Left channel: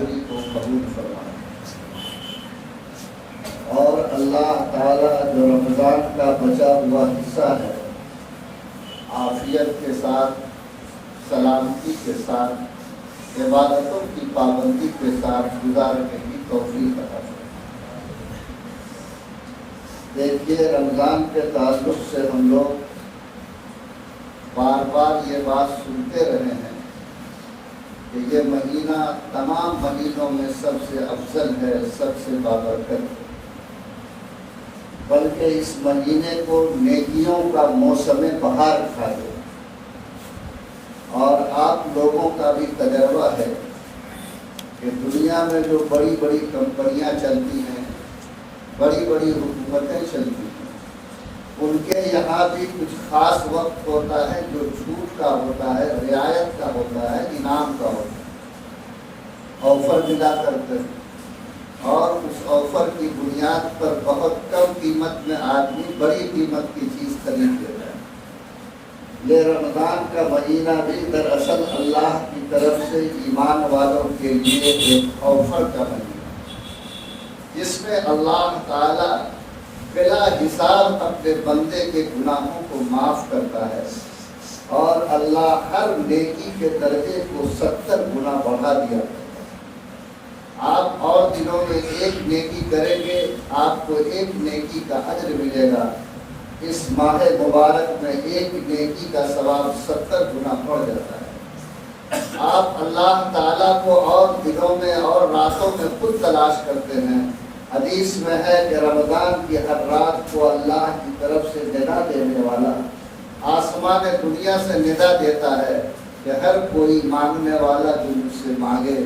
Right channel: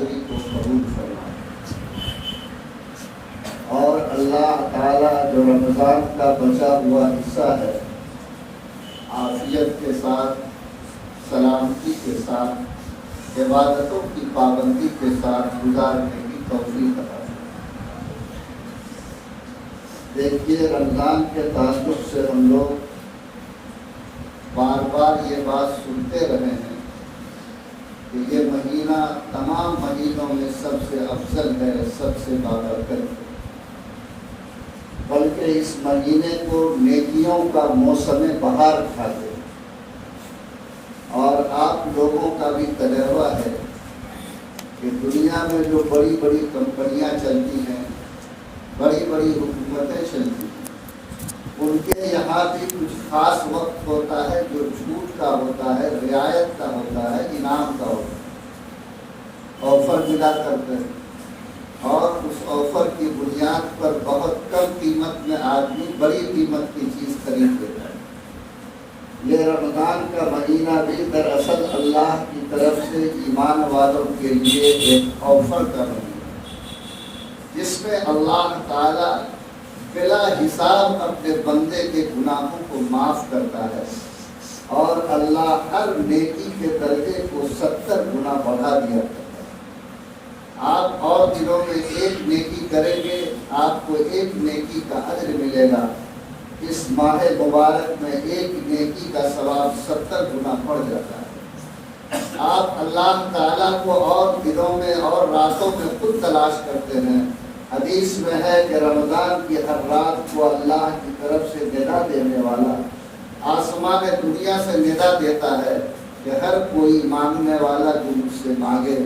حاضری کو قبول فرمائے، اور اللہ تعالیٰ جو رمضان کا بچا ہوا حصہ ہے عافیت کے ساتھ، سلامتی کے ساتھ، عبادتوں کی پابندی کے ساتھ گزارنے کی توفیق عطا فرمائے۔ دیکھیے، رمضان کے تعلق سے ہم لوگ بار بار یہ بات سنتے رہے ہیں کہ یہ مہینہ تمام مہینوں میں سب سے افضل ہے، سب سے بابرکت ہے، بلکہ اس مہینے کو نیکیوں کا موسم بہار کہا گیا۔ اور آپ لوگوں کا بھی تجربہ ہے کہ دنیا میں جو بڑی بڑی کمپنیاں چلتی ہیں، بڑی بڑی حکومتیں چلتی ہیں، ان کے یہاں بھی کچھ خاص وقت ہوتا ہے جو چھوٹ کا ہوتا ہے، رعایت کا ہوتا ہے، انعام کا ہوتا ہے، آفر ملا کرتے ہیں، اور اس آفر کی بنیاد پر بہت کم قیمت میں آدمی بڑی قیمت کی چیز خرید لیتا ہے۔ یہ رمضان کا مہینہ بھی دراصل اللہ کی طرف سے ایمان والوں کے لیے ایک آفر کا مہینہ ہے، جس میں اللہ تعالی بلا حساب اپنے بندے کے گناہوں کو معاف کرتا ہے، اور اللہ ہر نیکی کے درجے کو 70 گنا بڑھا دیا کرتا ہے۔ آپ اور دنوں میں ایک نیکی کریں گے، آپ کو ایک نیکی کا اجر ملے گا، اس ماہ مبارک میں ایک نیکی کا ثواب 70 گنا بڑھ جاتا ہے۔ آپ اللہ تعالیٰ کو اور دنوں میں اور راتوں میں خود تلاش کرتے ہیں۔ حدیث میں ہے کہ رمضان کی ہر رات کو اللہ کی طرف سے ندا دینے والا آسمان دنیا سے ندا دیتا ہے کہ ہر کوئی مانگنے والا جو مجھ سے مانگے،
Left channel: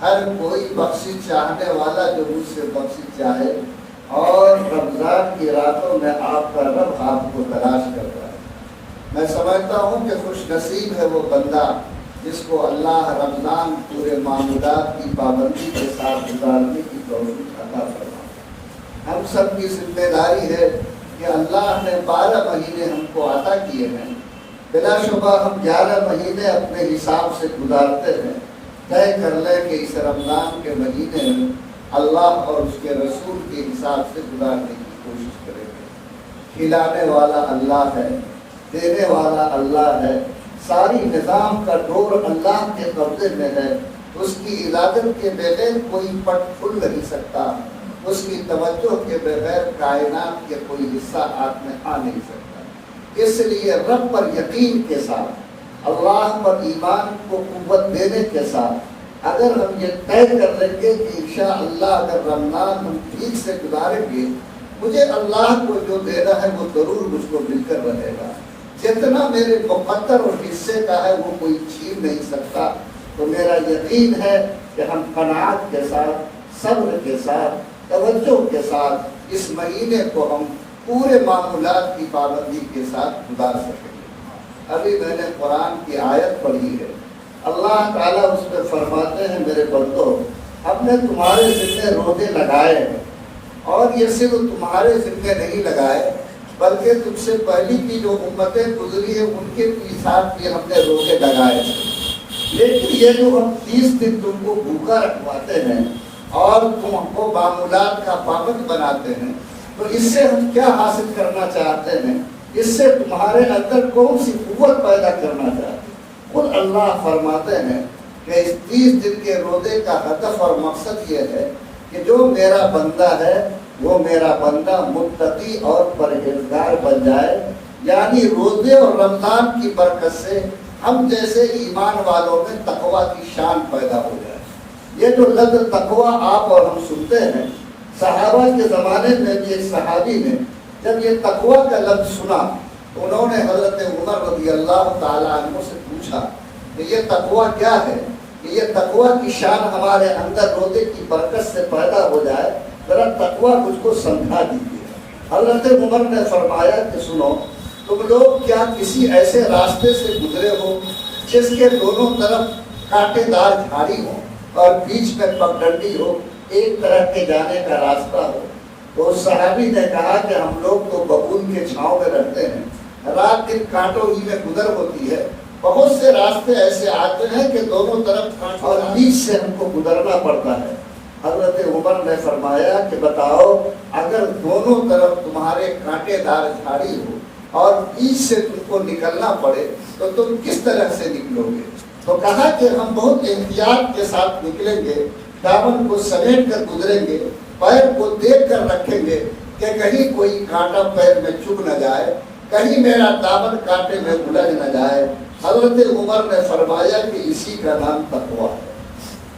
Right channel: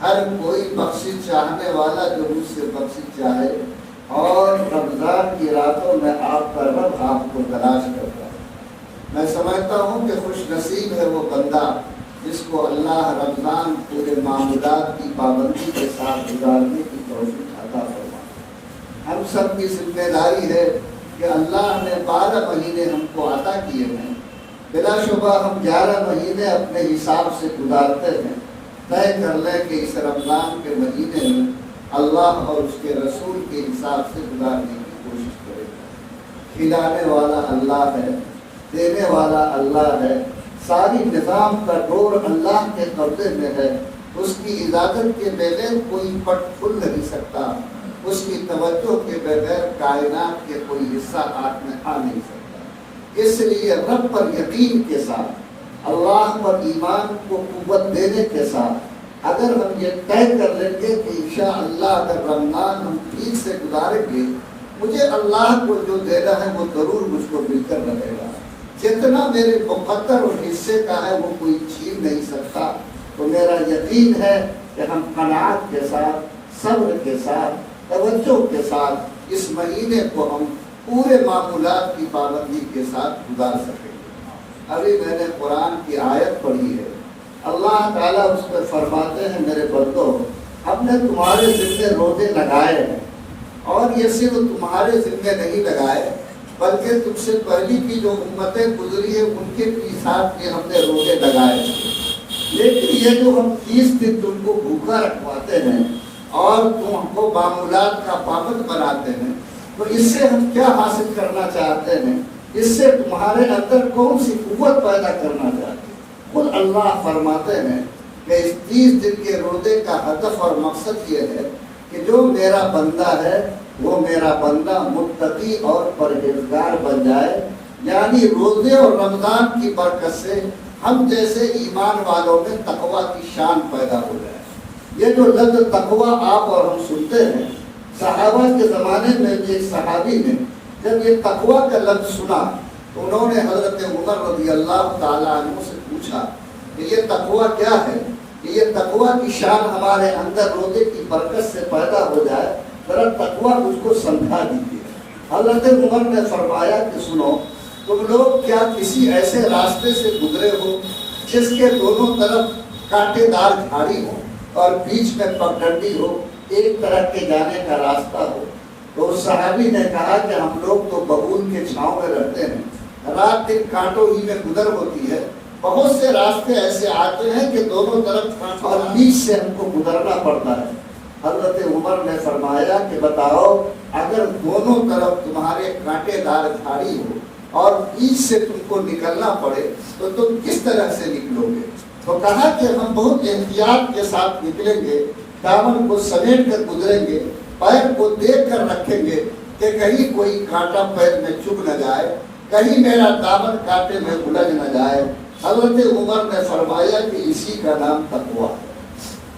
ہر کوئی بخشش چاہنے والا جو مجھ سے بخشش چاہے۔ اور رمضان کی راتوں میں آپ کا رب آپ کو تلاش کرتا ہے۔ میں سمجھتا ہوں کہ خوش نصیب ہے وہ بندہ جس کو اللہ رمضان پورے معمولات کی پابندی کے ساتھ گزارنے کی توفیق عطا فرمائے۔ ہم سب کی ذمہ داری ہے کہ اللہ نے 12 مہینے ہم کو عطا کیے ہیں، بلا شبہ ہم 11 مہینے اپنے حساب سے گزارتے ہیں۔ طے کر لیں کہ اس رمضان کے مہینے میں اللہ اور اس کے رسول کے حساب سے گزارنے کی کوشش کریں گے۔ کھلانے والا اللہ ہے، دینے والا اللہ ہے، ساری نظام کا ڈور اللہ کے قبضے میں ہے، اس کی اجازت کے بغیر کوئی پٹ کھل نہیں سکتا، اس کی توجہ کے بغیر کائنات کے کوئی حصہ ہاتھ میں آ نہیں سکتا۔ اس لیے رب پر یقین کے ساتھ، اللہ پر ایمان کو قوت دینے کے ساتھ اگر ہم یہ طے کر لیں گے کہ انشاءاللہ اگر رمضان ہم ٹھیک سے گزاریں گے، مجھے اللہ کو جو دینا ہے وہ ضرور مجھ کو مل کر رہے گا، جتنا میرے مقدر اور حصے کا ہے وہ کوئی چھین نہیں سکتا۔ تو میرا یقین ہے کہ ہم قناعت کے ساتھ، صبر کے ساتھ، توجہ کے ساتھ اس مہینے کو ہم پورے معمولات کی پابندی کے ساتھ گزار سکیں گے۔ ابھی میں نے قرآن کی آیت پڑھی ہے، اللہ تعالیٰ اس میں فرماتے ہیں میرے بندو، ہم نے تمہارے ذمے روزے لگائے ہیں، اور یہ صرف تمہارے ذمے نہیں لگائے بلکہ تم سے پہلی کی جو امتیں گزری ہیں ان کے ساتھ بھی ہم نے روزے لگائے ہیں، لیکن یہ جو ہم 30 دن تم کو بھوکا رکھواتے ہیں اور تم کو معمولات کا پابند بناتے ہیں، تو اس سے ہم کیا حاصل کرنا چاہتے ہیں؟ اس سے تمہارے اندر کون سی قوت پیدا کرنا چاہتے ہیں؟ خود اللہ فرماتے ہیں کہ اس 30 دن کے روزے کا ہدف اور مقصد یہ ہے کہ جو میرا بندہ ہے وہ میرا بندہ متقی اور پرہیزگار بن جائے، یعنی روزے اور رمضان کی برکت سے ہم جیسے ایمان والوں میں تقویٰ کی شان پیدا ہو جائے۔ یہ جو لفظ تقویٰ آپ اور ہم سنتے ہیں، صحابہ کے زمانے میں ایک صحابی نے جب یہ تقویٰ کا لفظ سنا تو انہوں نے حضرت عمر رضی اللہ تعالیٰ عنہ سے پوچھا کہ یہ تقویٰ کیا ہے، کہ یہ تقویٰ کی شان ہمارے اندر روزے کی برکت سے پیدا ہو جائے، ذرا تقویٰ مجھ کو سمجھا دیجیے۔ حضرت عمر نے فرمایا کہ سنو، تم لوگ کیا کسی ایسے راستے سے گزرے ہو جس کے دونوں طرف کانٹے دار جھاڑی ہو اور بیچ میں پگڈنڈی ہو، ایک طرف کے جانے کا راستہ ہو؟ تو صحابی نے کہا کہ ہم لوگ تو ببول کے چھاؤں میں رہتے ہیں، رات دن کانٹوں ہی میں گزر ہوتی ہے، بہت سے راستے ایسے آتے ہیں کہ دونوں طرف اور بیچ سے ہم کو گزرنا پڑتا ہے۔ حضرت عمر نے فرمایا کہ بتاؤ اگر دونوں طرف تمہارے کانٹے دار جھاڑی ہو اور بیچ سے تم کو نکلنا پڑے تو تم کس طرح سے نکلو گے؟ تو کہا کہ ہم بہت احتیاط کے ساتھ نکلیں گے، دامن کو سمیٹ کر گزریں گے، پیر کو دیکھ کر رکھیں گے کہ کہیں کوئی کانٹا پیر میں چبھ نہ جائے، کہیں میرا دامن کانٹے میں الجھ نہ جائے۔ حضرت عمر نے فرمایا کہ اسی کا نام تقویٰ ہے۔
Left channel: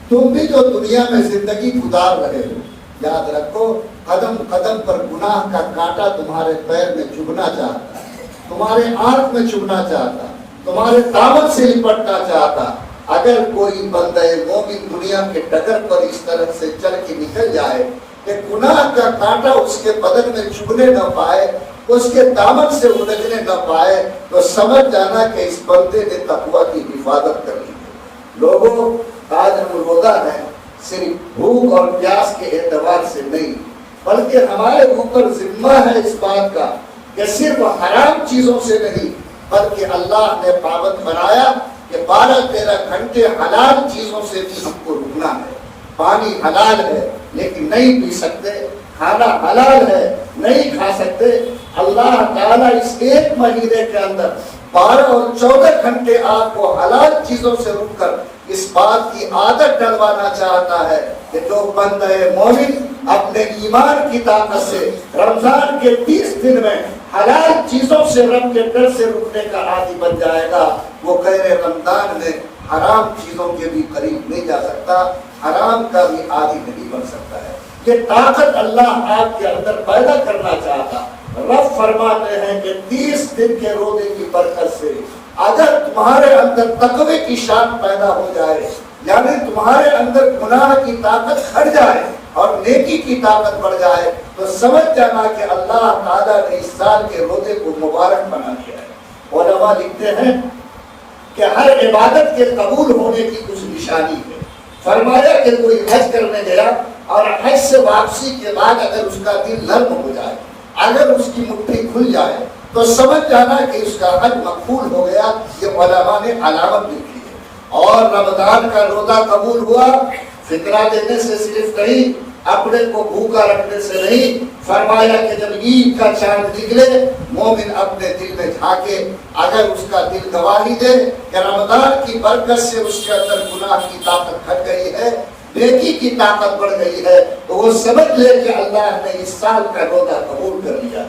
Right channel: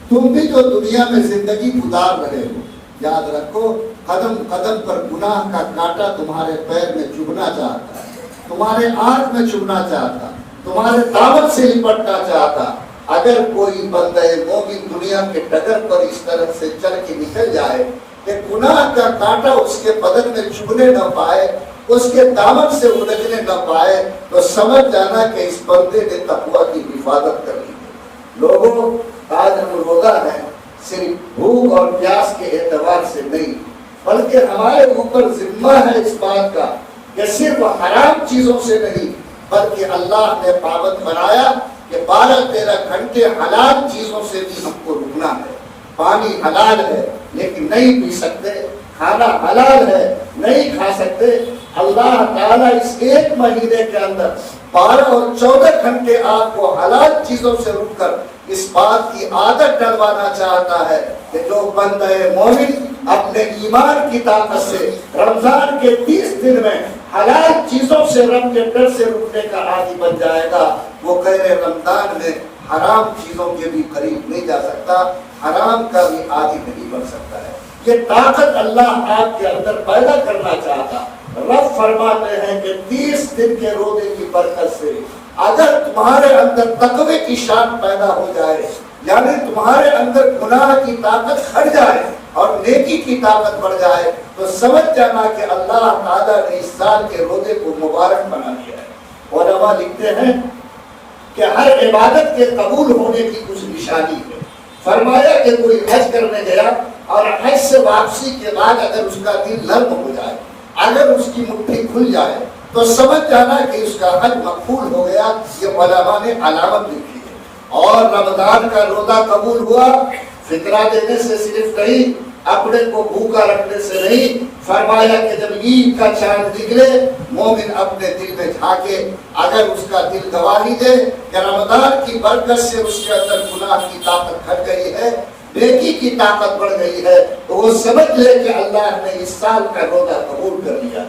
تم بھی جو دنیا میں زندگی گزار رہے ہو، یاد رکھو قدم قدم پر گناہ کا کانٹا تمہارے پیر میں چبھنا چاہتا ہے، تمہارے آنکھ میں چبھنا چاہتا، تمہارے دامن سے لپٹنا چاہتا۔ اگر کوئی بندہ مومن دنیا کے ڈگر پر اس طرح سے چل کے نکل جائے کہ گناہ کا کانٹا اس کے بدن میں چبھنے نہ پائے، اس کے دامن سے الجھنے نہ پائے، تو سمجھ جانا کہ اس بندے نے تقویٰ کی حفاظت کر لی ہے۔ لوگوں آج ہم روزہ ہیں صرف بھوک اور پیاس کے اعتبار سے نہیں، بلکہ ہمارے اوپر ذمہ ہے اس بات کا کہ صرف حرام چیزوں سے نہیں، بلکہ اللہ نے پابند بنایا کہ 12-13 گھنٹے حلال چیزوں سے بھی ہم کو رکنا ہے۔ پانی حلال ہے لیکن نہیں پی سکتے، کھانا حلال ہے نہیں کھا سکتے۔ اللہ تعالیٰ اس ایک مہینے کے اندر 12 اور 14 گھنٹے آپ کو حلال چیزوں سے رک کر اس بات کی عادت ڈلوانا چاہتا ہے کہ جو بندہ مومن اپنے ایمان کی طاقت سے رمضان کے 30 دن میں حلال چیزوں سے رب کے ڈر سے رکنے کا عادی بن جائے گا، وہ غیر رمضان میں حرام چیزوں کے بھی قریب نہیں جا سکتا، حرام کا بھی عادی نہیں بن سکتا ہے۔ یہ طاقت اللہ آپ کے اندر پیدا کرنا چاہتا۔ رب فرماتے ہیں کہ 30 دن کے روزے کی برکت سے اگر تمہارے اندر تقوی کی شان پیدا ہو جائے، یعنی تمہارے اندر گناہ کی طاقت گھٹ جائے اور نیکی کی طاقت بڑھ جائے، تو سمجھ جانا کہ اللہ تعالیٰ نے اس سال کے روزے کو مبارک بنا دیا ہے۔ علماء لکھتے ہیں کہ ہر عبادت کے قبول ہونے کی کچھ نشانی ہے۔ فرمایا کہ کوئی حج کرنے گیا اور حج سے واپسی کے بعد اگر اس کا دل نرم ہو جائے، اگر اس کی مٹھی کھل جائے، تو سمجھ جانا کہ اس کا حج مقبول ہو گیا۔ یہ علماء نے علامت لکھی ہے۔ اور رمضان کا روزہ قبول ہوا فطرہ دینے سے صرف نہیں، اپنے کو بھوکا رکھنے سے نہیں۔ فرمایا کہ جب عید کا چاند نکلے، مومن اپنے دل میں جھانکے، اگر اس کا دل گواہی دے کہ رمضان کی برکت سے اس کے اندر گناہ کی طاقت گھٹ گئی ہے، نیکی کی طاقت بڑھ گئی ہے، تو وہ سمجھ لے کہ اللہ نے اس سال کا روزہ قبول کر لیا۔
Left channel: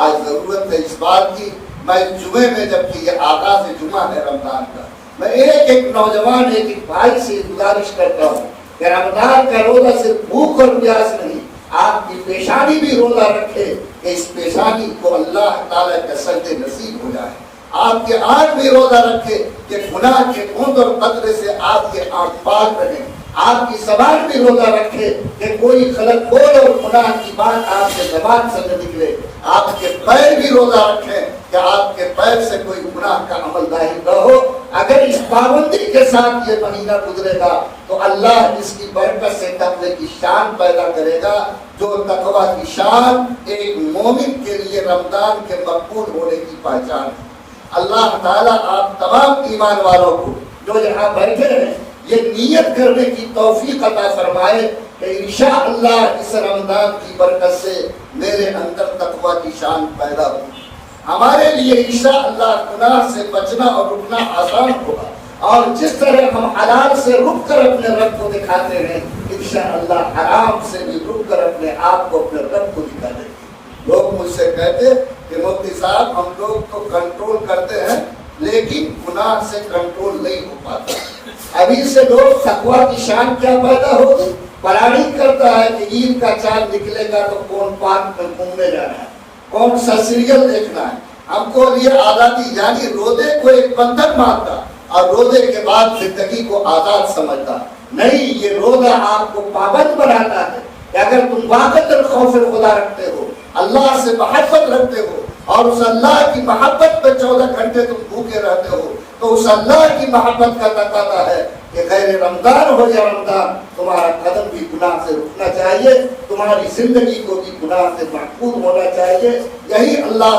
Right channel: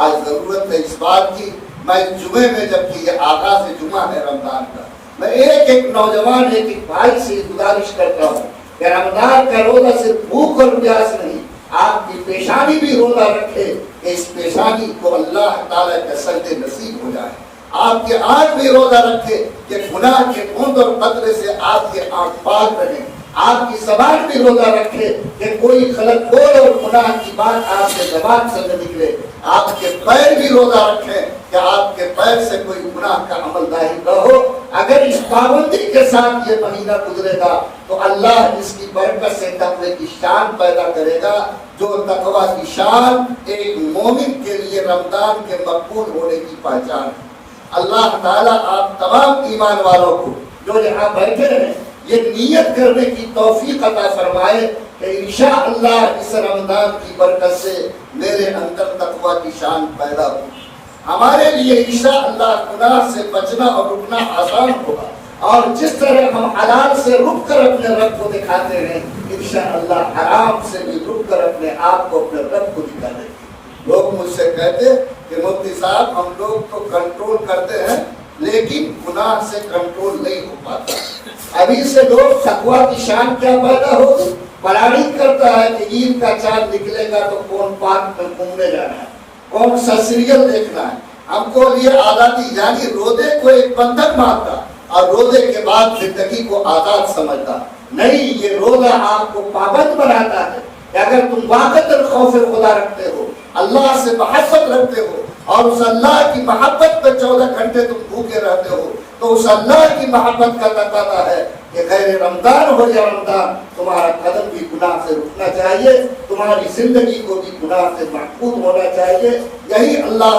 آج ضرورت ہے اس بات کی، میں جمعے میں جبکہ یہ آغاز جمعہ ہے رمضان کا، میں ایک نوجوان ایک بھائی سے گزارش کرتا ہوں کہ رمضان کا روزہ صرف بھوک اور پیاس نہیں، آپ کی پیشانی بھی روزہ رکھے کہ اس پیشانی کو اللہ تعالیٰ کا سجدے نصیب ہو جائے۔ آپ کے آنکھ بھی روزہ رکھے کہ گناہ کے بوند اور قطرے سے آپ کے آنکھ پاک رہے۔ آپ کی زبان بھی روزہ رکھے کہ کوئی غلط بول اور گناہ کی بات آپ کے زبان سے نہ نکلے۔ آپ کے پیر بھی روزہ رکھے کہ آپ کے پیر سے کوئی گناہ کا عمل ظاہر نہ ہو۔ اگر اس پابندی کے ساتھ یہ مہینہ گزرے گا تو اللہ اس کی برکت سے تقوی کی شان پیدا کرے گا، جو تقوی کی شان ایک مومن کے لیے رمضان کے مقبول ہونے کی پہچان ہے۔ اللہ تعالیٰ آپ تمام ایمان والوں کو جو یہاں بیٹھے ہیں یہ نیت کرنے کی توفیق عطا فرمائے کہ انشاءاللہ اس رمضان کی برکت سے میرے اندر تقوی کی شان پیدا ہو۔ ہمارے لیے انشاءاللہ گناہ سے بچنا اور رکنا آسان ہوگا، اور جس طرح ہم حلال سے رک کر اپنے رب کو دکھاتے ہیں، انشاءاللہ حرام سے بھی رک کر اپنے آپ کو اپنے رب کو دکھا دیں گے۔ لوگ مجھ سے کہتے کہ مفتی صاحب ہم لوگ تو کنٹرول کرتے ہیں لیکن گناہ سے کنٹرول نہیں ہو پاتا۔ ابھی سے لوگ تقوی کی شان کیا پیدا ہوگی، پلاننگ کرتا ہے کہ عید کا چاند نکلے گا تو کون پارک میں گھومنے جانا ہے، کون سا سیریل دیکھنا ہے۔ ہم کو یہ عاداتی یعنی روزے کو ایک بندھن مانتا اور روزے کے بعد زندگی کو آزاد سمجھتا نہیں۔ یہ روزہ آپ کو پابند بناتا ہے کہ اگر تم واقعی خوف خدا رکھتے ہو، اللہ سے محبت رکھتے ہو اور اس اللہ کی محبت میں 14 گھنٹے تم بھوکے رہتے ہو، تو اس اللہ کی محبت کا تقاضا ہے کہ غیر رمضان ہو یا رمضان تمہارا قدم بھی گناہ سے رکنا چاہیے، تمہاری زندگی کو بھی گناہ سے محفوظ ہونا چاہیے۔ یہی اللہ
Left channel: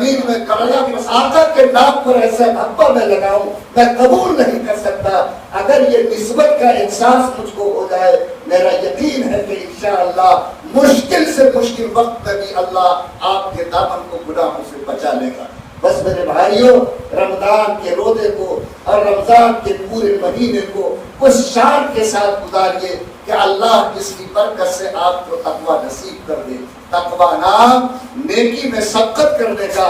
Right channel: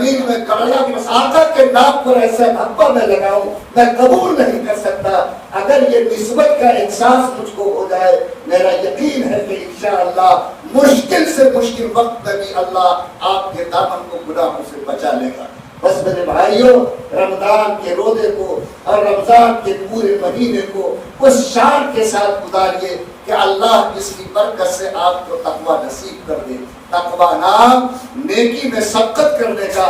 زمین میں گڑھا آقا کے نام پر ایسا دھبا میں لگاؤں، میں قبول نہیں کر سکتا۔ اگر یہ نسبت کا احساس مجھ کو ہو جائے، میرا یقین ہے کہ انشاءاللہ مشکل سے مشکل وقت میں بھی اللہ آپ کے دامن کو گناہوں سے بچا لے گا۔ بس میرے بھائیوں، رمضان کے روزے کو اور رمضان کے پورے مہینے کو اس شان کے ساتھ گزاریے کہ اللہ جس کی برکت سے آپ کو تقویٰ نصیب کر دے۔ تقویٰ نام نیکی میں سبقت کرنے کا،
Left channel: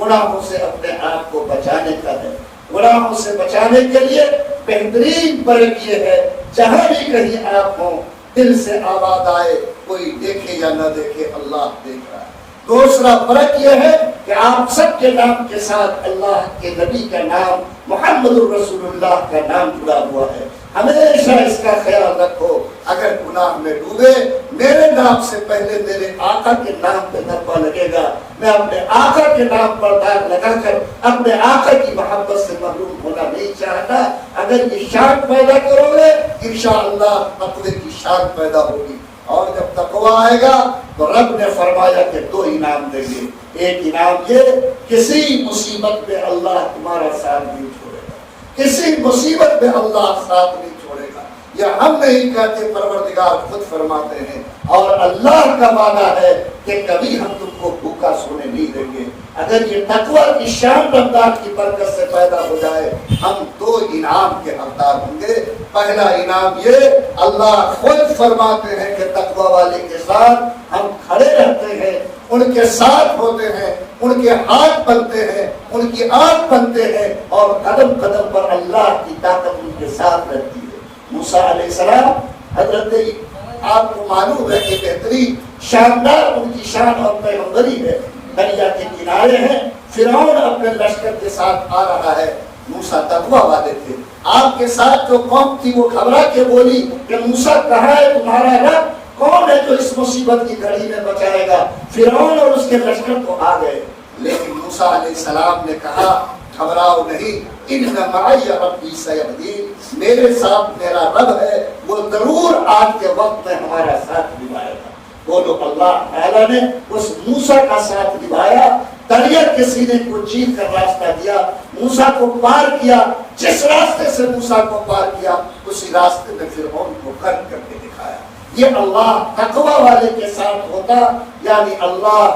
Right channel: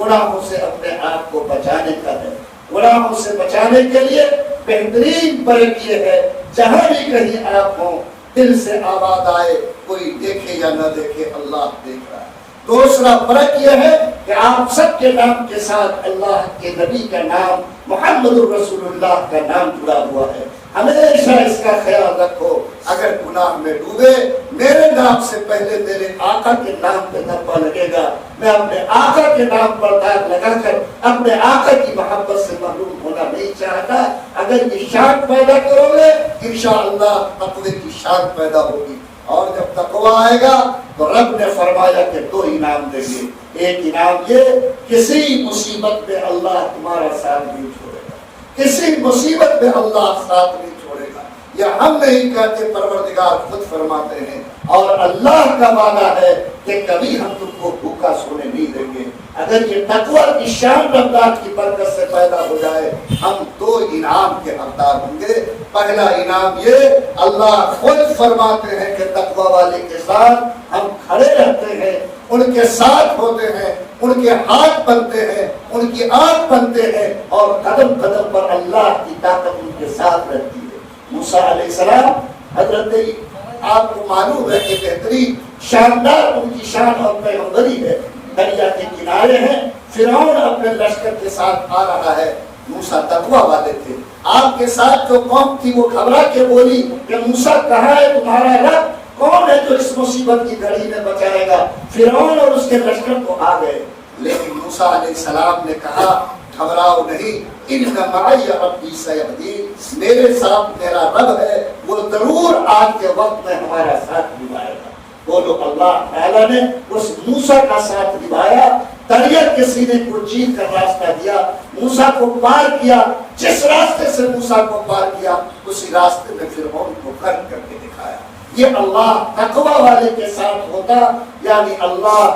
گناہوں سے اپنے آپ کو بچانے کا ہے۔ گناہوں سے بچانے کے لیے بہترین برک یہ ہے، جہاں بھی کہیں آپ ہوں، دل سے آواز آئے، کوئی دیکھے یا نہ دیکھے، اللہ دیکھ رہا ہے۔ دوسرا فرق یہ ہے کہ آپ سب کے نام کے ساتھ اللہ کے نبی کا نام، محمد الرسول اللہ کا نام جڑا ہوا ہے۔ ہمیشہ اس کا خیال رکھو، اگر گناہ میں ڈوبے، میرے نام سے پہلے میرے آقا کے نام پہ دھبا لگے گا۔ میں اپنے آقا کے نام پر داغ لگا کر اپنے آقا کی محبت سے محروم ہونا نہیں چاہتا۔ اگر یہ شان پیدا کرو گے، انشاءاللہ تقوی کی شان پیدا ہوگی۔ اور جب تقویٰ آئے گا تو رب نے فرمایا کہ دو انعام دیں گے۔ ایک انعام یہ، کسی مصیبت میں اللہ تمہارا ساتھ نہیں چھوڑے گا، کسی مصیبت میں اللہ ساتھ نہیں چھوڑے گا۔ یہ ہم نہیں کہتے، پروردگار خود فرماتے ہیں، اور اللہ کا وعدہ ہے کہ کبھی ہم تم کو بھوکا سونے نہیں دیں گے۔ اگر یہ تقویٰ کی شان رمضان کی برکت سے پیدا ہو جائے، ہم دو انعام کے حقدار ہوں گے۔ پہلا انعام یہ، اللہ خود فرماتے ہیں کہ تقویٰ والے کے ساتھ ہم کھڑے رہتے ہیں، ان کے ساتھ ہوتے ہیں، ان کے ہاتھ بنتے ہیں، ان کی آنکھ بنتے ہیں، اور قدم قدم پر اللہ کی طاقت ان کے ساتھ رہتی ہے۔ موسیٰ علیہ السلام، حضرت آپ کو معلوم ہے کہ بہترین شاندار ان کی شان اور پیغمبری ہے۔ دریا کے کنارے ہیں، فرعون اپنے لشکر کے ساتھ آ رہا ہے، موسیٰ تقویٰ والے تھے۔ آپ کے ساتھ جو قوم تھی وہ گھبرا کے بولی کہ موسیٰ کہاں ہے تمہارا رب؟ کون ہے جو اس مصیبت کی گھڑی میں بچائے گا؟ فرعون اور اس کے لشکر تو آ گئے، لیکن موسیٰ علیہ السلام نے کہا گھبراؤ نہیں، ان معی ربی سیہدین، میرے ساتھ میرا رب ہے، وہ ضرور آج کے وقت میں ہمارا ساتھ نبھائے گا۔ بولو اللہ تعالیٰ نے اس موسیٰ کا ساتھ نبھایا، دریا کے سینے کو چیر کر راستہ دیا، موسیٰ کو پار کیا۔ جس راستے سے موسیٰ کو پار کیا، اسی راستے میں فرعون کو غرق کر کے دکھایا۔ یہ اللہ تقویٰ والے کے ساتھ ہوتا، یعنی اللہ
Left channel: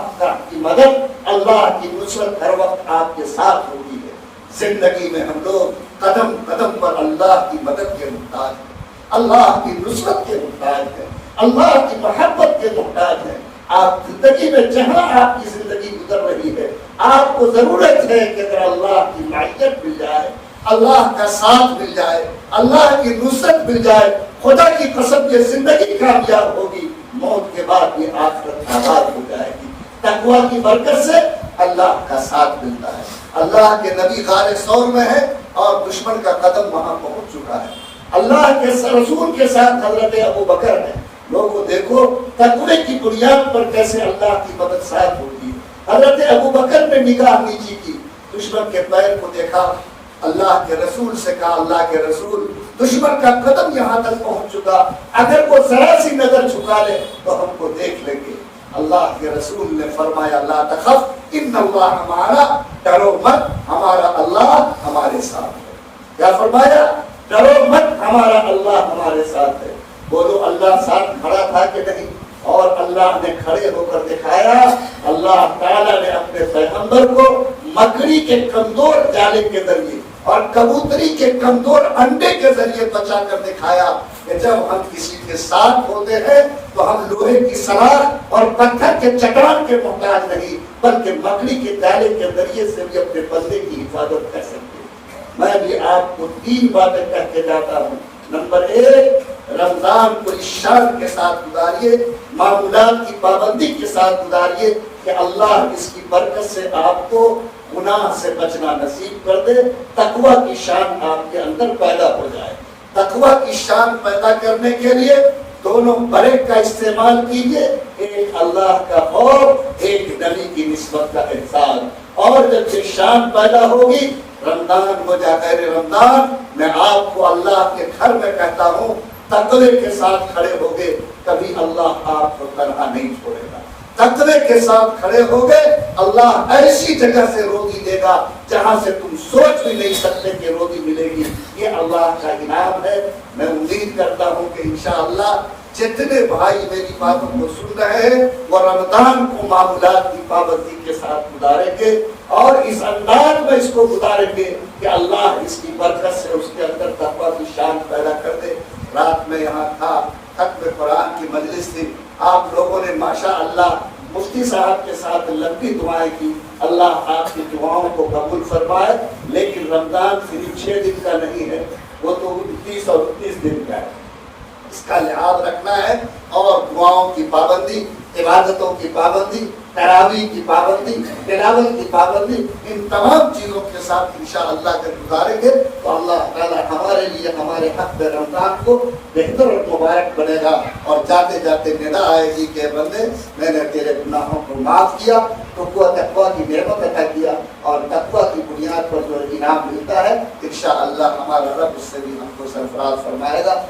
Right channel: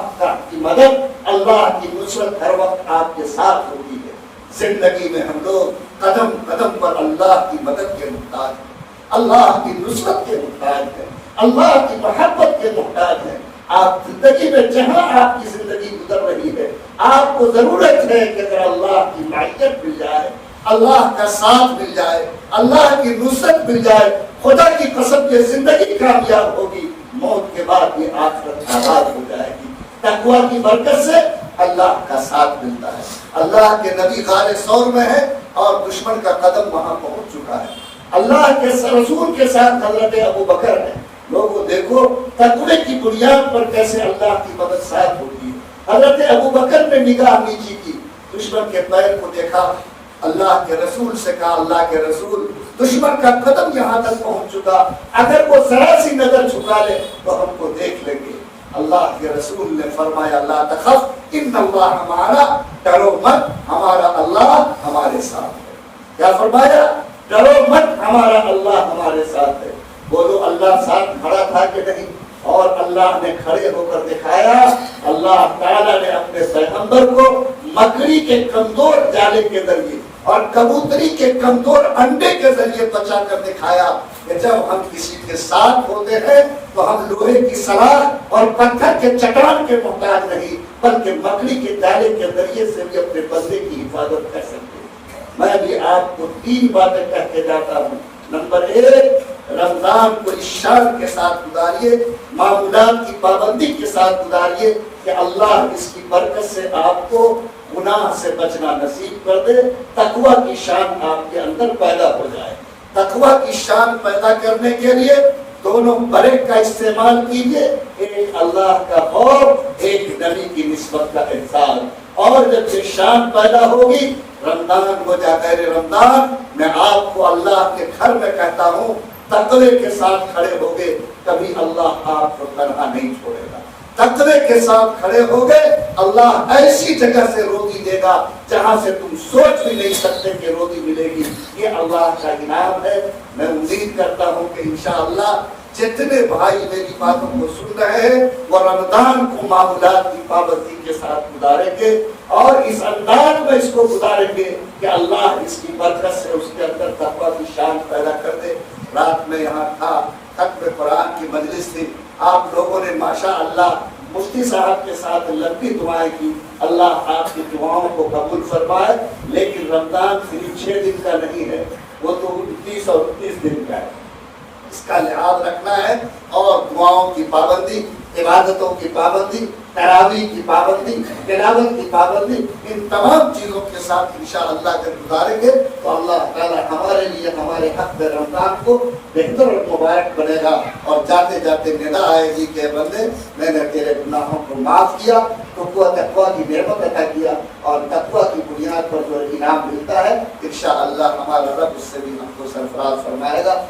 کی مدد، اللہ کی نصرت ہر وقت آپ کے ساتھ ہوتی ہے۔ زندگی میں ہم لوگ قدم قدم پر اللہ کی مدد کے محتاج ہیں، اللہ کی نصرت کے محتاج ہیں، اللہ کی محبت کے محتاج ہیں۔ آپ زندگی میں جہاں آپ کی زندگی گزر رہی ہے، آپ کو ضرورت ہے کہ اگر اللہ کی معیت مل جائے، اللہ کا ساتھ مل جائے، اللہ کی نصرت مل جائے، خدا کی قسم یہ زندگی کامیاب ہوگی، موت کے بعد یہ آخرت آباد ہو جائے گی۔ تقویٰ کی برکت سے اللہ کا ساتھ ملتا ہے۔ اللہ کے نبی غار ثور میں ہے اور دشمن کا قدم وہاں پہنچ چکا ہے۔ اللہ کے رسول کے ساتھ حضرت ابو بکر ہے۔ لوگوں دیکھو تقوی کی بنیاد پر کیسے اللہ کی مدد ساتھ ہوتی ہے۔ حضرت ابو بکر پہ نگاہ نیچی کی، دشمن کے پیر کو دیکھا، اللہ کے رسول سے کہا اللہ کے رسول دشمن کا قدم یہاں تک پہنچ چکا، اگر وہ ذرا سی نظر چھکا لے تو ہم کو دیکھ لیں گے۔ اللہ کے رسول نے فرمایا لا تخف ان اللہ ہمارا، ڈرو مت، ہمارا اللہ ہمارے ساتھ ہے۔ کیا فرمایا؟ ڈرو مت، ہمارا اللہ ہمارے ساتھ ہے۔ بولو اللہ ساتھ کھڑا تھا کہ نہیں؟ اور اللہ نے کھڑے ہو کر دکھایا۔ اللہ تعالیٰ نے اپنے پیغمبر کو مکڑی کے کمزور جالے کے ذریعے اور کبوتری کے کمزور انڈے کے ذریعے بچا کر دکھایا کہ جب ہم کسی کے ساتھ ہوتے ہیں تو ہم لوہے کی سلاخ اور پتھر کے چٹان کے محتاج نہیں، بلکہ مکڑی کے جالے کے ذریعے سے بھی اپنے بندے کی حفاظت کر سکتے ہیں۔ میں بھی آپ کو 3 باتیں کہہ کے جاتا ہوں۔ نمبر 1، رمضان کو اس شان کے ساتھ گزاریے، معمولات کی پابندی کے ساتھ گزاریے کہ اللہ اس کی برکت سے آپ کو گناہ سے بچنا نصیب کر دے، تقویٰ کی شان آپ کے اندر پیدا ہو جائے۔ تقویٰ کی شان پیدا کرنے کے لیے دونوں بریک کا استعمال کیجیے، ایک اللہ کا خوف، ایک نبی کی نسبت کا احساس۔ اور جب یہ شان پیدا ہوگی، رمضان ہو جائے رمضان، میں آپ کو اللہ کے گھر میں کہتا ہوں تقوی کے ساتھ کھڑے ہوگے، کبھی اللہ آپ کو تنہا نہیں چھوڑے گا۔ تقوی کے ساتھ کھڑے ہوگے، اللہ ایسی جگہ سے روزی دے گا جہاں سے تم سوچ بھی نہیں سکتے کہ روزی ملے گی. یہ اللہ کا انعام ہے. میں امید کرتا ہوں کہ انشاءاللہ جتنے بھائی میری باتوں کو سن رہے ہیں وہ رمضان کو معمولات کی پابندی کے ساتھ گزاریں گے اور اس انداز میں اس کو گزاریں گے کہ اللہ اس کی برکت سے اس کے اندر تقویٰ کی شان پیدا کر دے. رات میں یہاں تھا، ختم قرآن کی مجلس تھی، آپ لوگوں نے ماشاءاللہ مفتی صاحب کے ساتھ لمبی دعائیں کی. اللہ آپ کی دعاؤں کو قبول فرمائے. لیکن رمضان صرف 6 دن کا نہیں ہے، وہ تو 29 اور 29 دن کا ہے. اس کا لحاظ رکھنا ہے اور دعاؤں کی پابندی، عبادتوں کی پابندی، تراویح کی پابندی، تلاوت کی پابندی، ان تمام چیزوں کے ساتھ انشاءاللہ جب گزاریں گے تو اللہ تعالی ہمارے لیے ہمارے حق میں رمضان کو بہتر اور مبارک بنے گا. اور جاتے جاتے ندا آئے گی کہ بندے میں نے تیرے گناہوں کو معاف کیا، تم کو تقویٰ کی نعمت عطا کیا اور تقویٰ کی بنیاد پر جو انعام ملتا ہے انشاءاللہ ہمارا رب اس سے بھی ہم کو سرفراز فرمائے گا.